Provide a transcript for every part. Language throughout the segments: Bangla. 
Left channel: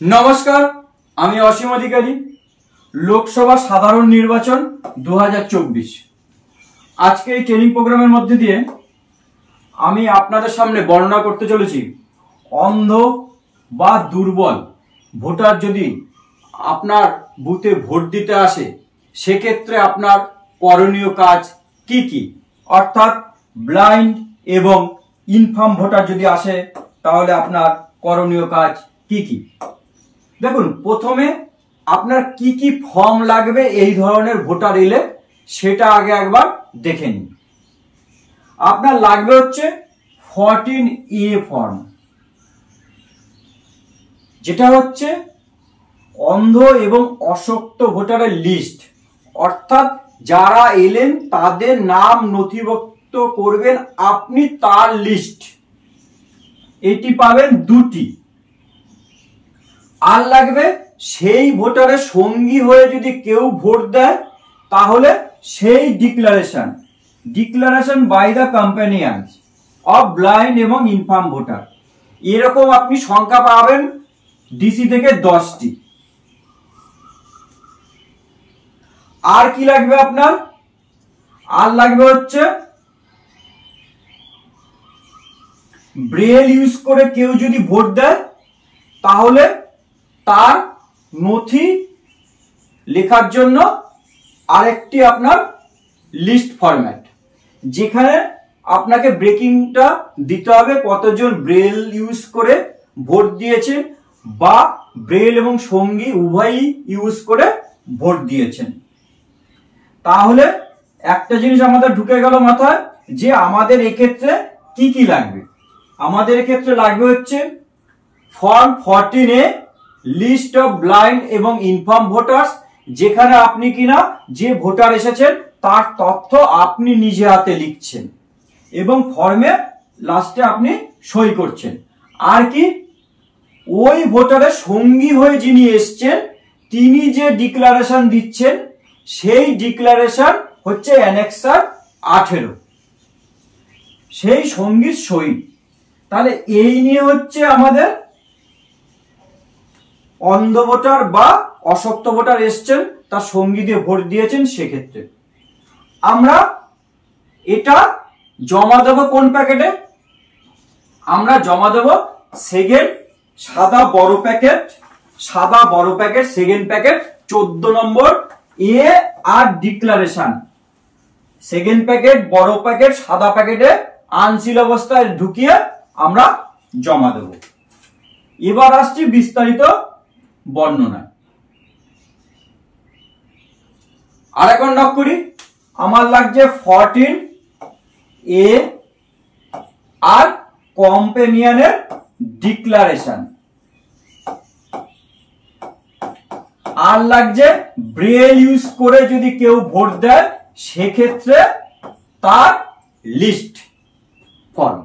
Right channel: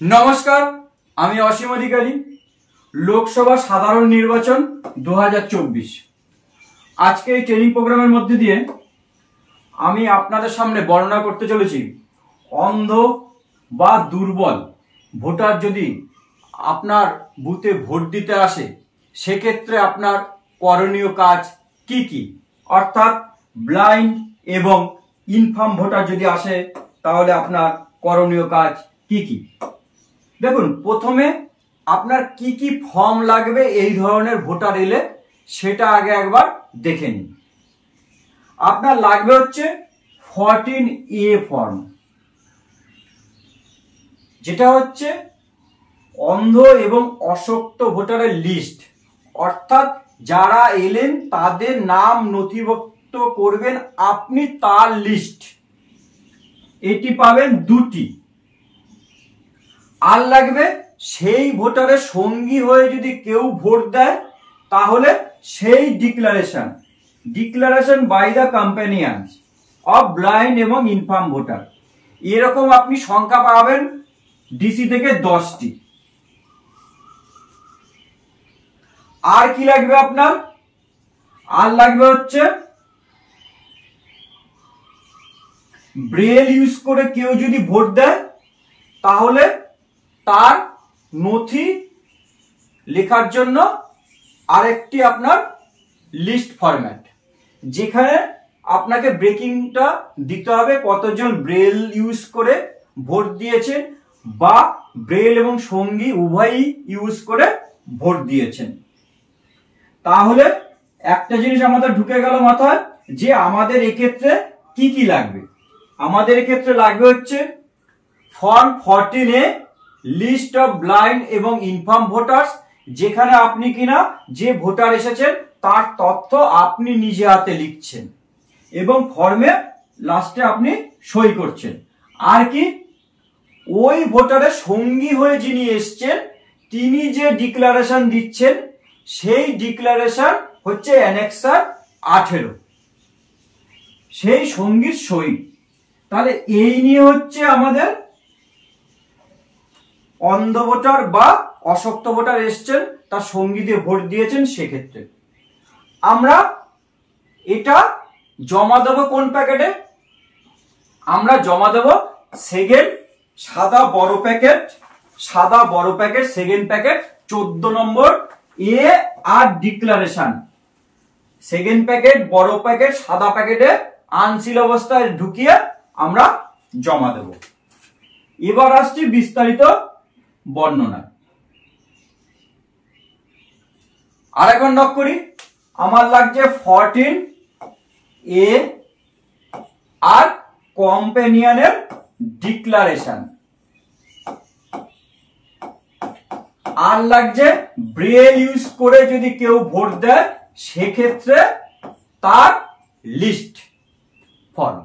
নমস্কার, আমি অসীম অধিকারী। লোকসভা সাধারণ নির্বাচন 2024 আজকে এই ট্রেনিং প্রোগ্রামের মধ্যে দিয়ে আমি আপনাদের সামনে বর্ণনা করতে চলেছি অন্ধ বা দুর্বল ভোটার যদি আপনার বুথে ভোট দিতে আসে সেক্ষেত্রে আপনার করণীয় কাজ কি কি, অর্থাৎ ব্লাইন্ড এবং ইনফার্ম ভোটার যদি আসে তাহলে আপনার করণীয় কাজ কি কি। দেখুন, প্রথমে আপনার কি কি ফর্ম লাগবে এই ধরনের ভোটার এলে সেটা আগে একবার দেখে নিন। আপনার লাগবে হচ্ছে 14A ফর্ম, যেটা হচ্ছে অন্ধ এবং অশক্ত ভোটারের লিস্ট, অর্থাৎ যারা এলেন তাদের নাম নথিভুক্ত করবেন আপনি তার লিস্ট। এটি পাবেন দুটি। আর লাগবে সেই ভোটারের সঙ্গী হয়ে যদি কেউ ভোট দেয় তাহলে সেই declaration by the companions of blind এবং ইনফার্ম ভোটার। এরকম আপনি সংখ্যা পাবেন ডিসি থেকে 10টি। আর কি লাগবে আপনার? আর লাগবে হচ্ছে ব্রেল ইউজ করে কেউ যদি ভোট দেয় তাহলে তার নথি লেখার জন্য আরেকটি আপনার লিস্ট ফরম্যাট, যেখানে আপনাকে ব্রেকিংটা দিতে হবে কতজন ব্রেল ইউজ করে ভোট দিয়েছে বা ব্রেল এবং সঙ্গী উভয়ই ইউজ করে ভোট দিয়েছেন। তাহলে একটা জিনিস আমাদের ঢুকে গেল মাথায় যে আমাদের এক্ষেত্রে কি কি লাগবে। আমাদের এক্ষেত্রে লাগবে হচ্ছে form 14A list of blind এবং ইনফার্ম ভোটার্স, যেখানে আপনি কিনা যে ভোটার এসেছেন তার তথ্য আপনি নিজে হাতে লিখছেন এবং ফর্মে লাস্টে আপনি সই করছেন। আর কি, ওই ভোটারের সঙ্গী হয়ে যিনি এসছেন তিনি যে ডিক্লারেশন দিচ্ছেন সেই ডিক্লারেশন হচ্ছে অ্যানেক্সার 18, সেই সঙ্গীর সই। তাহলে এই নিয়ে হচ্ছে আমাদের অন্ধ ভোটার বা অশক্ত ভোটার এসছেন তার সঙ্গী দিয়ে ভোট দিয়েছেন, সেক্ষেত্রে আমরা এটা জমা দেব কোন প্যাকেটে? আমরা জমা দেব সেকেন্ড সাদা বড় প্যাকেট সেকেন্ড প্যাকেট 14 নম্বর এ আর ডিক্লারেশন। সেকেন্ড প্যাকেট বড় প্যাকেট সাদা প্যাকেটে আনসিল অবস্থায় ঢুকিয়ে আমরা জমা দেব। এবার আসছি বিস্তারিত বর্ণনা। আর এখন নক করি, আমার লাগছে 14A আর কম্প্যানিয়নের ডিক্লারেশন। আর লাগছে ব্রেল ইউজ করে যদি কেউ ভোট দেয় সেক্ষেত্রে তার লিস্ট ফর্ম।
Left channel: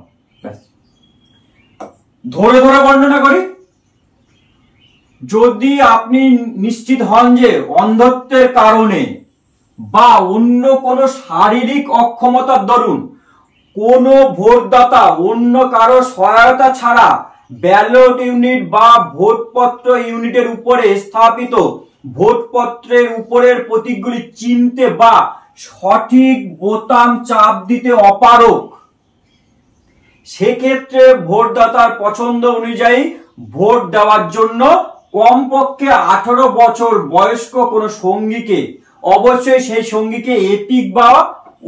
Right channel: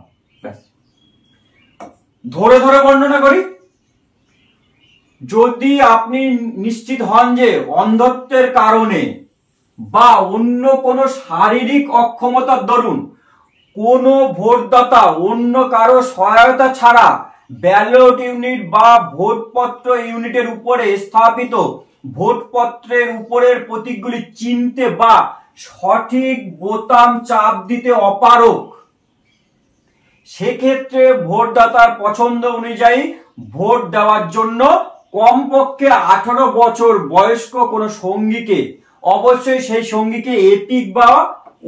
ধরে ধরে বর্ণনা করি। যদি আপনি নিশ্চিত হন যে অন্ধত্বের কারণে বা অন্য কোনো শারীরিক অক্ষমতার দরুন কোনো ভোটদাতা অন্য কারো সহায়তা ছাড়া ব্যালট ইউনিট বা ভোটপত্র ইউনিটের উপরে স্থাপিত ভোটপত্রের উপরের প্রতীকগুলি চিনতে বা সঠিক বোতাম চাপ দিতে অপারগ, সেক্ষেত্রে ভোটদাতার পছন্দ অনুযায়ী ভোট দেওয়ার জন্য কমপক্ষে 18 বছর বয়স্ক কোনো সঙ্গীকে, অবশ্যই সেই সঙ্গীকে এপিক বা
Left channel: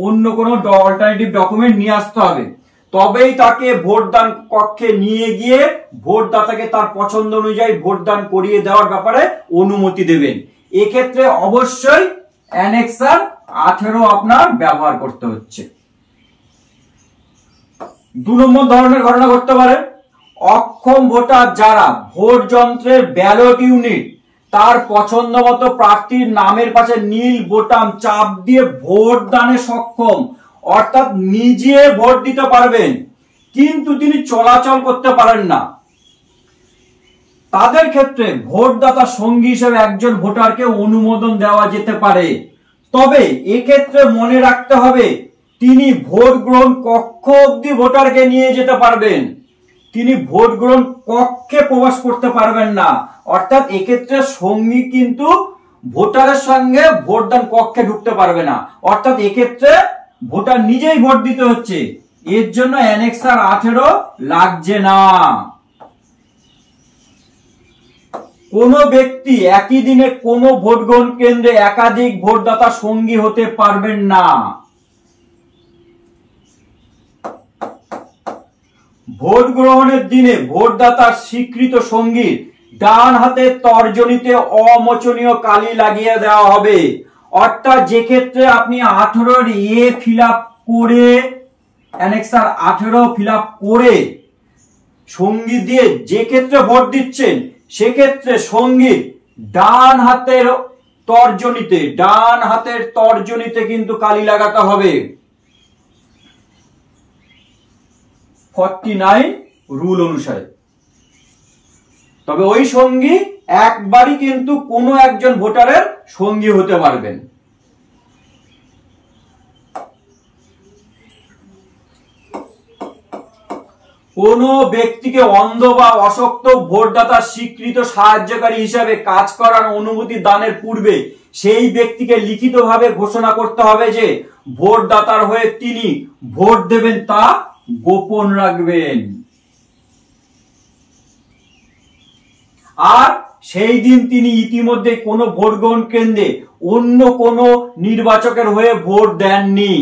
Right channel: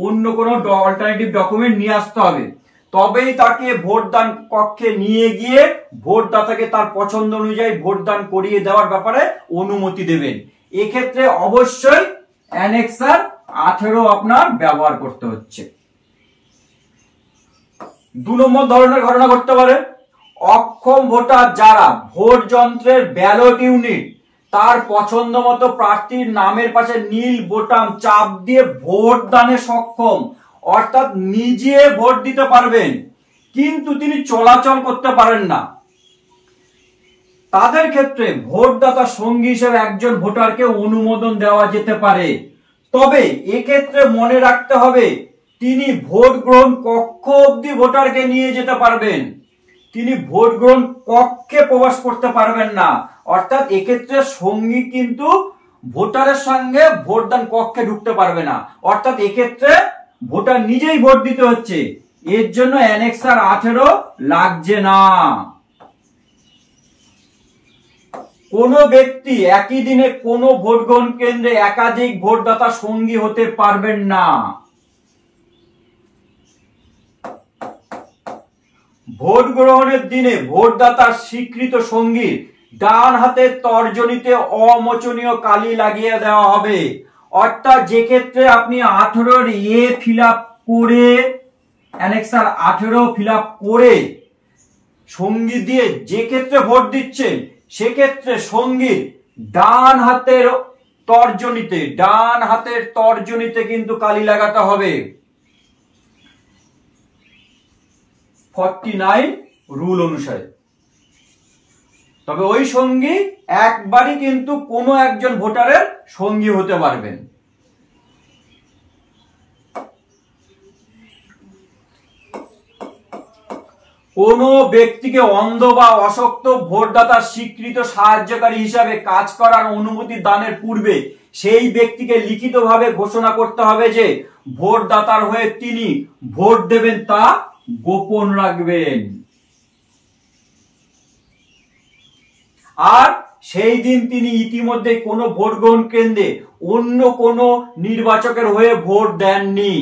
অন্য কোনো অল্টারনেটিভ ডকুমেন্ট নিয়ে আসতে হবে, তবেই তাকে ভোটদান কক্ষে নিয়ে গিয়ে ভোটদাতাকে তার পছন্দ অনুযায়ী ভোটদান করিয়ে দেওয়ার ব্যাপারে অনুমতি দেবেন। এক্ষেত্রে অবশ্যই অ্যানেক্সার 18 আপনার ব্যবহার করতে হচ্ছে। 2 নম্বর ধরনের ঘটনা ঘটতে পারে, অক্ষম ভোটার যারা ভোট যন্ত্রের ব্যালট ইউনিট তার পছন্দ মতো প্রার্থীর নামের পাশে নীল বোতাম চাপ দিয়ে ভোট দানে সক্ষম, অর্থাৎ নিজে ভোট দিতে পারবেন কিন্তু তিনি চলাচল করতে পারেন না। তাদের ক্ষেত্রে ভোটদাতা সঙ্গী হিসেবে একজন ভোটারকে অনুমোদন দেওয়া যেতে পারে, তবে এক্ষেত্রে মনে রাখতে হবে তিনি ভোট গ্রহণ কক্ষ অবধি ভোটারকে নিয়ে যেতে পারবেন, তিনি ভোট গ্রহণ কক্ষে প্রবেশ করতে পারবেন না। অর্থাৎ এক্ষেত্রে সঙ্গী কিন্তু ভোটারের সঙ্গে ভোটদান কক্ষে ঢুকতে পারবে না। অর্থাৎ এক্ষেত্রে ভোটার নিজেই ভোট দিতে হচ্ছে, এর জন্য অ্যানেক্সার 18 লাগছে না। কোন ব্যক্তি একই দিনে কোন ভোট গ্রহণ কেন্দ্রে একাধিক ভোটদাতা সঙ্গী হতে পারবেন না। ভোট গ্রহণের দিনে ভোটদাতার স্বীকৃত সঙ্গীর ডান হাতের তর্জনীতে অমোচনীয় কালি লাগিয়ে দেওয়া হবে। অর্থাৎ যে ক্ষেত্রে আপনি 18 এ ফিল আপ করে অ্যানেক্সার 18 ফিল আপ করে সঙ্গী দিয়ে যে ক্ষেত্রে ভোট দিচ্ছেন, সেক্ষেত্রে সঙ্গীর ডান হাতের তর্জনীতে কিন্তু কালি লাগাতে হবে 49 রুল অনুসারে। তবে ওই সঙ্গী একবারই কিন্তু কোনো একজন ভোটারের সঙ্গী হতে পারবেন। কোন ব্যক্তিকে অন্ধ বা অশক্ত ভোটদাতার স্বীকৃত সাহায্যকারী হিসাবে কাজ করার অনুমতি দানের পূর্বে সেই ব্যক্তিকে লিখিতভাবে ঘোষণা করতে হবে যে ভোটদাতার হয়ে তিনি ভোট দেবেন তা গোপন রাখবেন। আর সেই দিন তিনি ইতিমধ্যে কোনো ভোট গ্রহণ কেন্দ্রে অন্য কোনো নির্বাচকের হয়ে ভোট দেননি।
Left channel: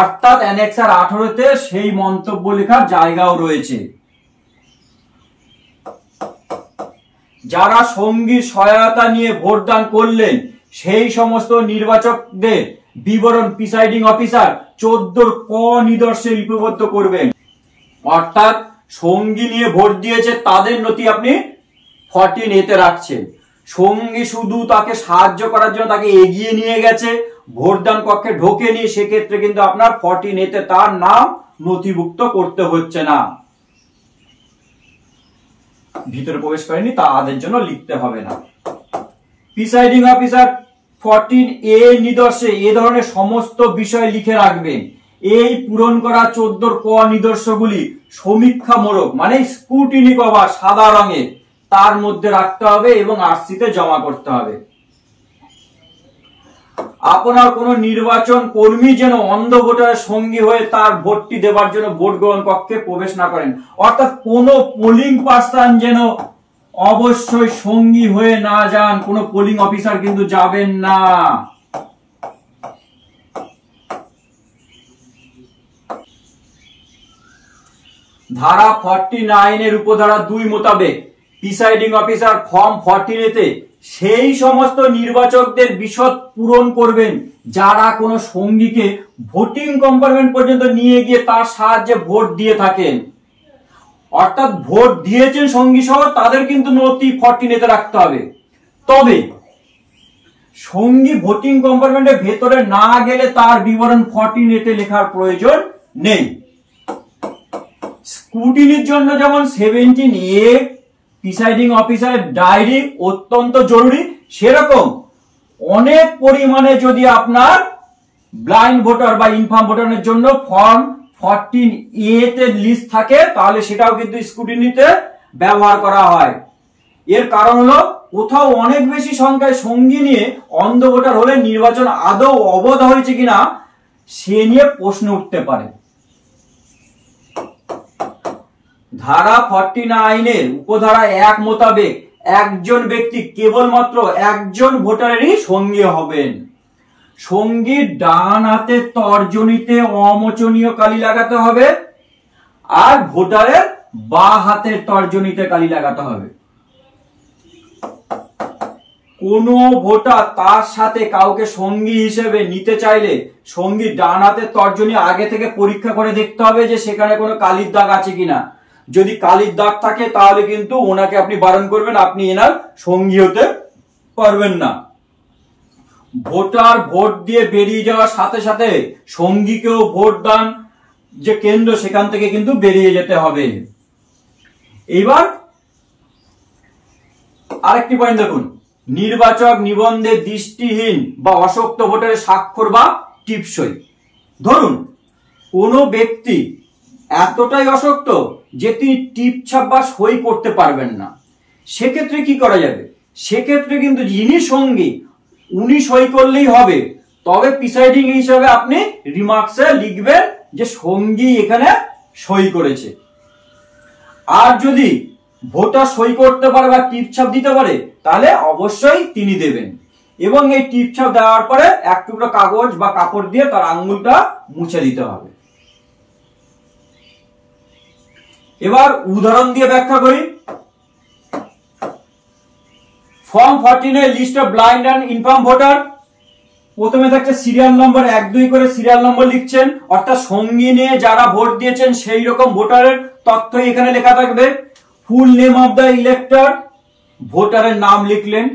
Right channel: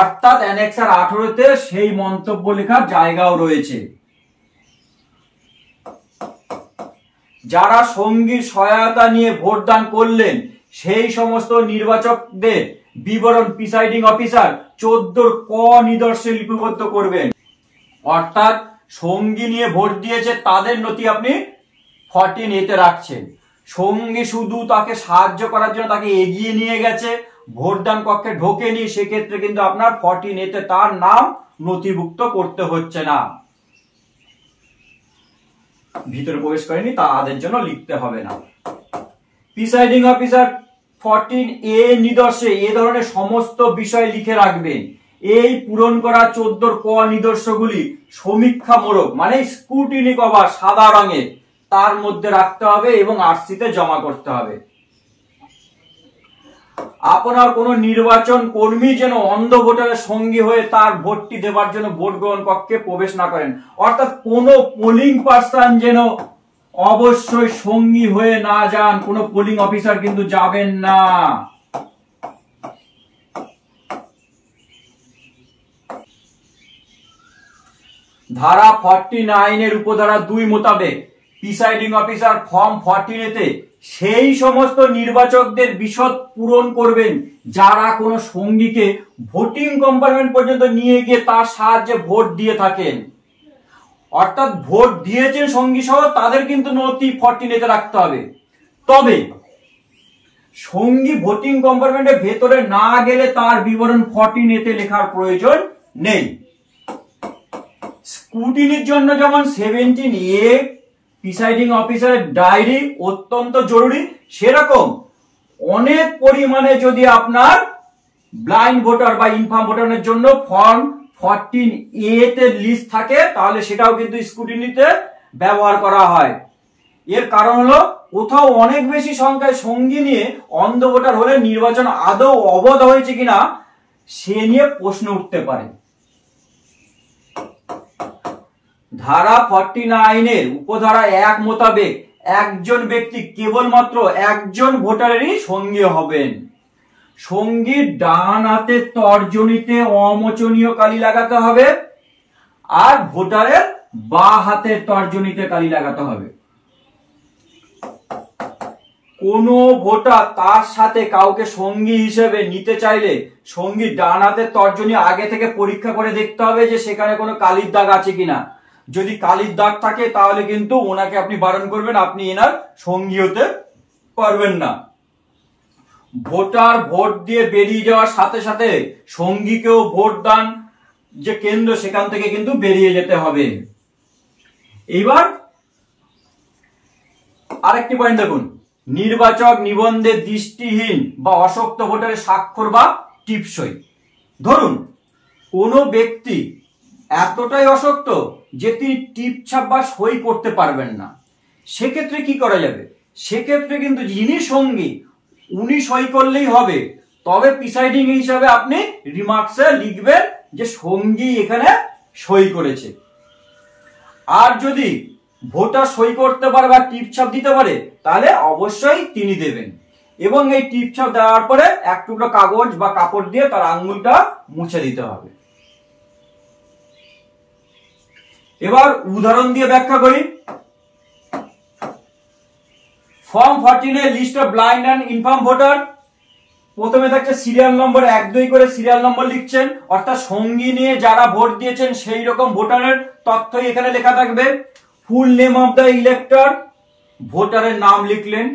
অর্থাৎ অ্যানেক্সার 18-তে সেই মন্তব্য লেখার জায়গাও রয়েছে। যারা সঙ্গীর সহায়তা নিয়ে ভোটদান করলেন সেই সমস্ত নির্বাচকদের বিবরণ প্রিসাইডিং অফিসার 14 ক নিদর্শে লিপিবদ্ধ করবেন। অর্থাৎ সঙ্গী নিয়ে ভোট দিয়েছে তাদের নথি আপনি 14A-তে রাখছেন। সঙ্গী শুধু তাকে সাহায্য করার জন্য তাকে এগিয়ে নিয়ে গেছে, ভোটদান কক্ষে ঢোকেনি, সেক্ষেত্রে কিন্তু আপনার 14A-তে তার নাম নথিভুক্ত করতে হচ্ছে না। ভিতরে প্রবেশ করেনি তাদের জন্য লিখতে হবে না। প্রিসাইডিং অফিসার 14A নিদর্শে এ ধরনের সমস্ত বিষয় লিখে রাখবেন। এই পূরণ করা 14 ক নিদর্শগুলি সমীক্ষামূলক মানে স্ক্রুটিনি কভার সাদা রঙের তার মধ্যে রাখতে হবে এবং আরসিতে জমা করতে হবে। আপনার কোন নির্বাচন কর্মী যেন অন্ধ ভোটারের সঙ্গী হয়ে তার ভোটটি দেওয়ার জন্য ভোট গ্রহণ কক্ষে প্রবেশ না করেন। অর্থাৎ কোন পোলিং পার্সন যেন অবশ্যই সঙ্গী হয়ে না যান, কোন পোলিং অফিসার কিন্তু যাবেন না। ধারা 49-এর উপধারা 2 মোতাবেক প্রিসাইডিং অফিসার ফর্ম 14A-তে সেই সমস্ত নির্বাচকদের বিশদ পূরণ করবেন যারা কোনো সঙ্গীকে ভোটিং কম্পার্টমেন্ট পর্যন্ত নিয়ে গিয়ে তার সাহায্যে ভোট দিয়ে থাকেন। অর্থাৎ ভোট দিয়েছেন সঙ্গী সহ তাদের কিন্তু নথি 14A-তে রাখতে হবে। তবে সঙ্গী ভোটিং কম্পার্টমেন্টের ভেতরে না গেলে তার বিবরণ 14A-তে লেখার প্রয়োজন নেই। স্ক্রুটিনির জন্য যেমন 17A প্রিসাইডিং অফিসারের ডায়েরি অত্যন্ত জরুরি, সেরকম অনেক পরিমাণে যদি আপনার ব্লাইন্ড ভোটার বা ইনফার্ম ভোটারের জন্য ফর্ম 14A-তে লিস্ট থাকে তাহলে সেটাও কিন্তু স্ক্রুটিনিতে ব্যবহার করা হয়। এর কারণ হলো কোথাও অনেক বেশি সংখ্যায় সঙ্গী নিয়ে অন্ধ ভোটার হলে নির্বাচন আদৌ অবৈধ হয়েছে কিনা সে নিয়ে প্রশ্ন উঠতে পারে। ধারা 49-এর উপধারা 1 মোতাবেক একজন ব্যক্তি কেবলমাত্র একজন ভোটারেরই সঙ্গী হবেন। সঙ্গীর ডান হাতের তর্জনীতে অমোচনীয় কালি লাগাতে হবে আর ভোটারের বাঁ হাতের তর্জনীতে কালি লাগাতে হবে। কোন ভোটার তার সাথে কাউকে সঙ্গী হিসেবে নিতে চাইলে সঙ্গীর ডান হাতের তর্জনী আগে থেকে পরীক্ষা করে দেখতে হবে যে সেখানে কোনো কালির দাগ আছে কিনা। যদি কালির দাগ থাকে তাহলে কিন্তু ওনাকে আপনি বারণ করবেন, আপনি এনার সঙ্গী হতে পারবেন না। ভোটার ভোট দিয়ে বেরিয়ে যাওয়ার সাথে সাথে সঙ্গীকেও ভোট দান যে কেন্দ্র সেখান থেকে কিন্তু বেরিয়ে যেতে হবে। এবার আরেকটি পয়েন্ট দেখুন, নির্বাচক নিবন্ধে দৃষ্টিহীন বা অশক্ত ভোটারের স্বাক্ষর বা টিপসই। ধরুন কোন ব্যক্তি এতটাই অশক্ত যে তিনি টিপ ছাপ বা সই করতে পারবেন না। সেক্ষেত্রে কি করা যাবে? সেক্ষেত্রে কিন্তু যিনি সঙ্গী উনি সই করলেই হবে, তবে প্রিসাইডিং হিসাবে আপনি রিমার্কসে লিখবেন যে সঙ্গী এখানে সই করেছে। আর যদি ভোটার সই করতে পারে বা টিপ ছাপ দিতে পারে তাহলে অবশ্যই তিনি দেবেন, এবং এই টিপ ছাপ দেওয়ার পরে এক টুকরো কাগজ বা কাপড় দিয়ে তার আঙ্গুলটা মুছে দিতে হবে। এবার উদাহরণ দিয়ে ব্যাখ্যা করি। Form 14 list of blind and infirm voter. প্রথমে থাকছে সিরিয়াল নম্বর 1 2 করে সিরিয়াল নম্বর লিখছেন, অর্থাৎ সঙ্গী নিয়ে যারা ভোট দিয়েছেন সেই রকম ভোটারের তথ্যই এখানে লেখা থাকবে। Full name of the elector, ভোটারের নাম লিখলেন।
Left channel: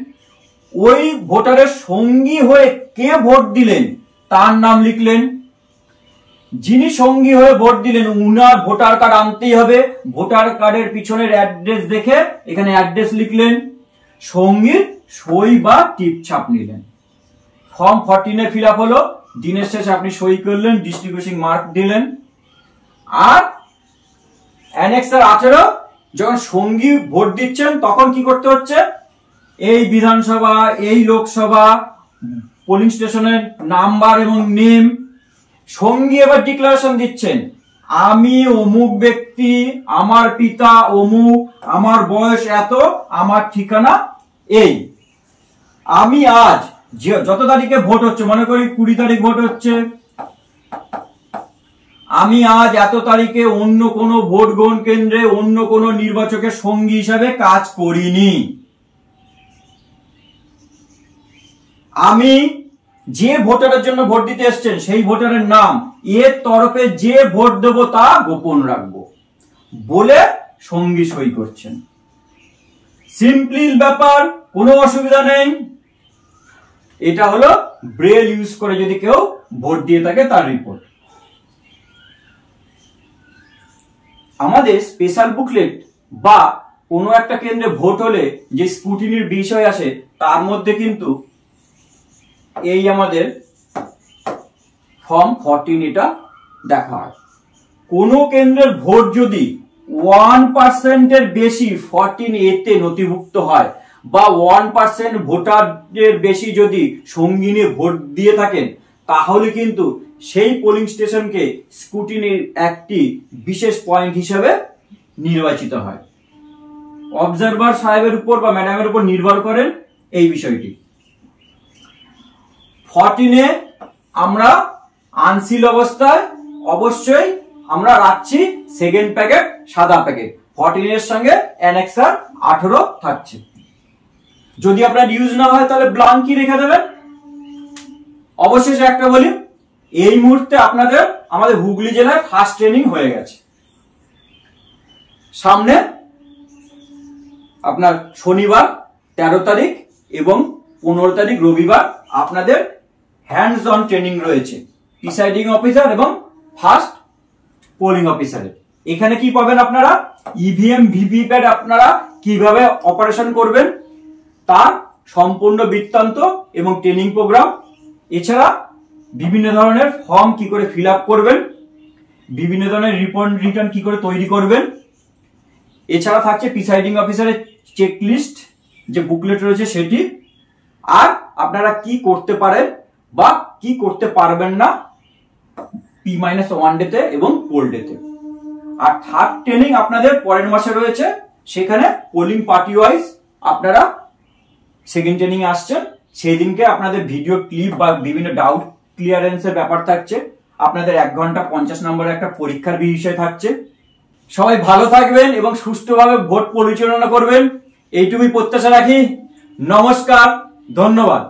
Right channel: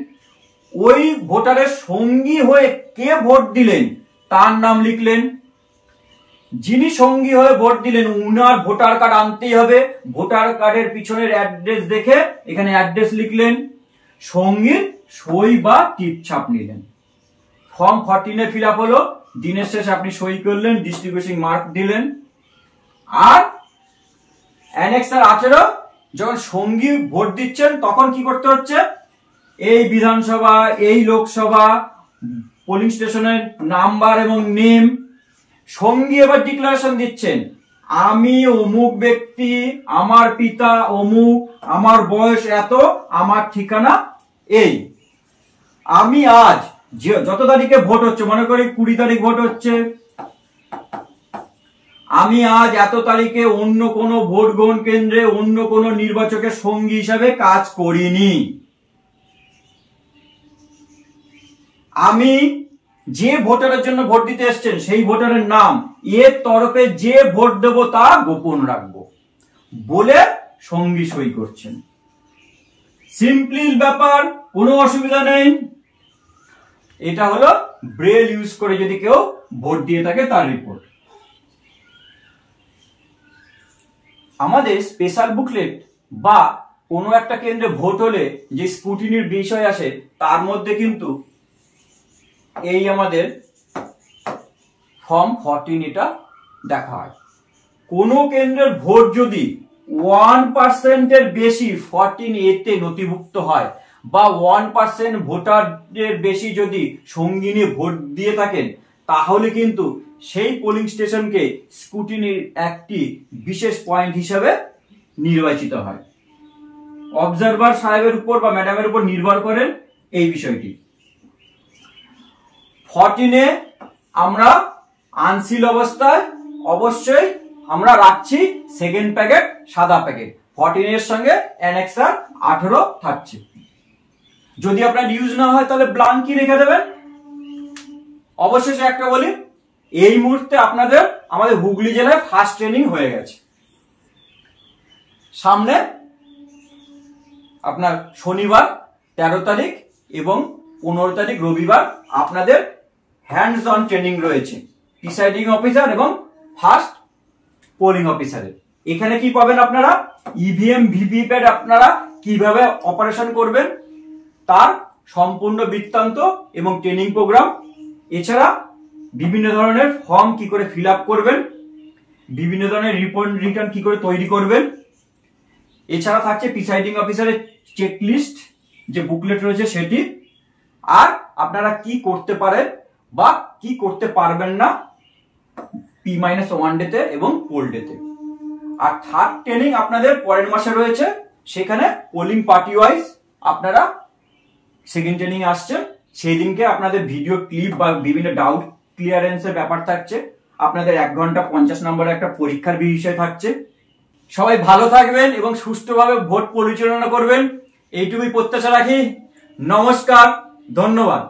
ওই ভোটারের সঙ্গী হয়ে কে ভোট দিলেন তার নাম লিখলেন। যিনি সঙ্গী হয়ে ভোট দিলেন উনার ভোটার কার্ড আনতেই হবে, ভোটার কার্ডের পিছনের অ্যাড্রেস দেখে এখানে অ্যাড্রেস লিখলেন। সঙ্গীর সই বা টিপ ছাপ নিলেন। ফর্ম 14 ফিল আপ হলো, দিনের শেষে আপনি সই করলেন, ডিস্ট্রিবিউশন মার্ক দিলেন। আর অ্যানেক্সার 18 যখন সঙ্গী ভোট দিচ্ছেন তখন কি করতে হচ্ছে? এই বিধানসভা, এই লোকসভা, পোলিং স্টেশনের নাম্বার এবং নেম। সঙ্গী এবার ডিক্লারেশন দিচ্ছেন, আমি অমুক ব্যক্তি, আমার পিতা অমুক, আমার বয়স এত, আমার ঠিকানা এই। আমি আজ যত তারিখে ভোট হচ্ছে, মনে করি 20 তারিখ ভোট হচ্ছে, আমি আজ এত তারিখে অন্য কোনো ভোট গ্রহণ কেন্দ্রে অন্য কোনো নির্বাচকের সঙ্গী হিসাবে কাজ করিনি। আমি যে ভোটারের জন্য ভোট দিতে এসছেন সেই ভোটারের নাম, এর তরফে যে ভোট দেব তা গোপন রাখবো বলে সঙ্গী সই করছেন। সিম্পলি ব্যাপার, কোনো অসুবিধা নেই। এটা হলো ব্রেল ইউজ করে যদি কেউ ভোট দিয়ে থাকে তার রিপোর্ট। আমাদের স্পেশাল বুকলেট বা কোনো একটা কেন্দ্রে ভোট হলে যে স্ক্রুটিনির বিষয় আসে তার মধ্যে কিন্তু এই আমাদের ফর্ম 14 এটা দেখা হয়। কোন কেন্দ্রের ভোট যদি 1% এর বেশি 14A তে নথিভুক্ত হয় বা 1% ভোটারের বেশি যদি সঙ্গী নিয়ে ভোট দিয়ে থাকেন তাহলে কিন্তু সেই পোলিং স্টেশনকে স্ক্রুটিনির একটি বিশেষ পয়েন্ট হিসাবে নির্বাচিত হয়। অবজারভার সাহেবের উপর বা ম্যাডামের উপর নির্ভর করেন এই বিষয়টি। 14 আমরা আনসিল অবস্থায় অবশ্যই আমরা রাখছি সেকেন্ড প্যাকেট সাদা প্যাকেট, 14 এর সঙ্গে অ্যানেক্সার 18 থাকছে। যদি আপনার ইউজ না হয় তাহলে ব্ল্যাঙ্কই রেখে দেবেন। অবশেষে একটা বলি, এই মুহূর্তে আপনাদের আমাদের হুগলি জেলায় ফার্স্ট ট্রেনিং হয়ে গেছে। সামনে আপনার শনিবার 13 তারিখ এবং 15 তারিখ রবিবার আপনাদের হ্যান্ডস অন ট্রেনিং রয়েছে প্রিসাইডিং অফিসার এবং ফার্স্ট পোলিং অফিসারের। এখানে কি পাবেন আপনারা? ইভিএম ভিভিপ্যাট আপনারা কিভাবে অপারেশন করবেন তার সম্পূর্ণ বৃত্তান্ত এবং ট্রেনিং প্রোগ্রাম। এছাড়া বিভিন্ন ধরনের ফর্ম কি করে ফিল আপ করবেন, বিভিন্ন ধরনের রিপোর্ট রিটার্ন কি করে তৈরি করবেন। এছাড়া থাকছে প্রিসাইডিং অফিসারের চেকলিস্ট যে বুকলেট রয়েছে সেটি, আর আপনারা কি করতে পারেন বা কি করতে পারবেন না P-1 ডেতে এবং পোল ডেতে। আর থার্ড ট্রেনিং আপনাদের পরের মাসে রয়েছে, সেখানে পোলিং পার্টি ওয়াইজ আপনারা সেকেন্ড ট্রেনিং আসছেন। সেই দিনকে আপনাদের ভিডিও ক্লিপ বা বিভিন্ন ডাউট ক্লিয়ারেন্সের ব্যাপার থাকছে। আপনাদের 1 ঘন্টা 50 নম্বরের একটা পরীক্ষার বিষয় থাকছে। সবাই ভালো থাকবেন এবং সুষ্ঠুভাবে ভোট পরিচালনা করবেন, এইটুকুই প্রত্যাশা রাখি। নমস্কার, ধন্যবাদ।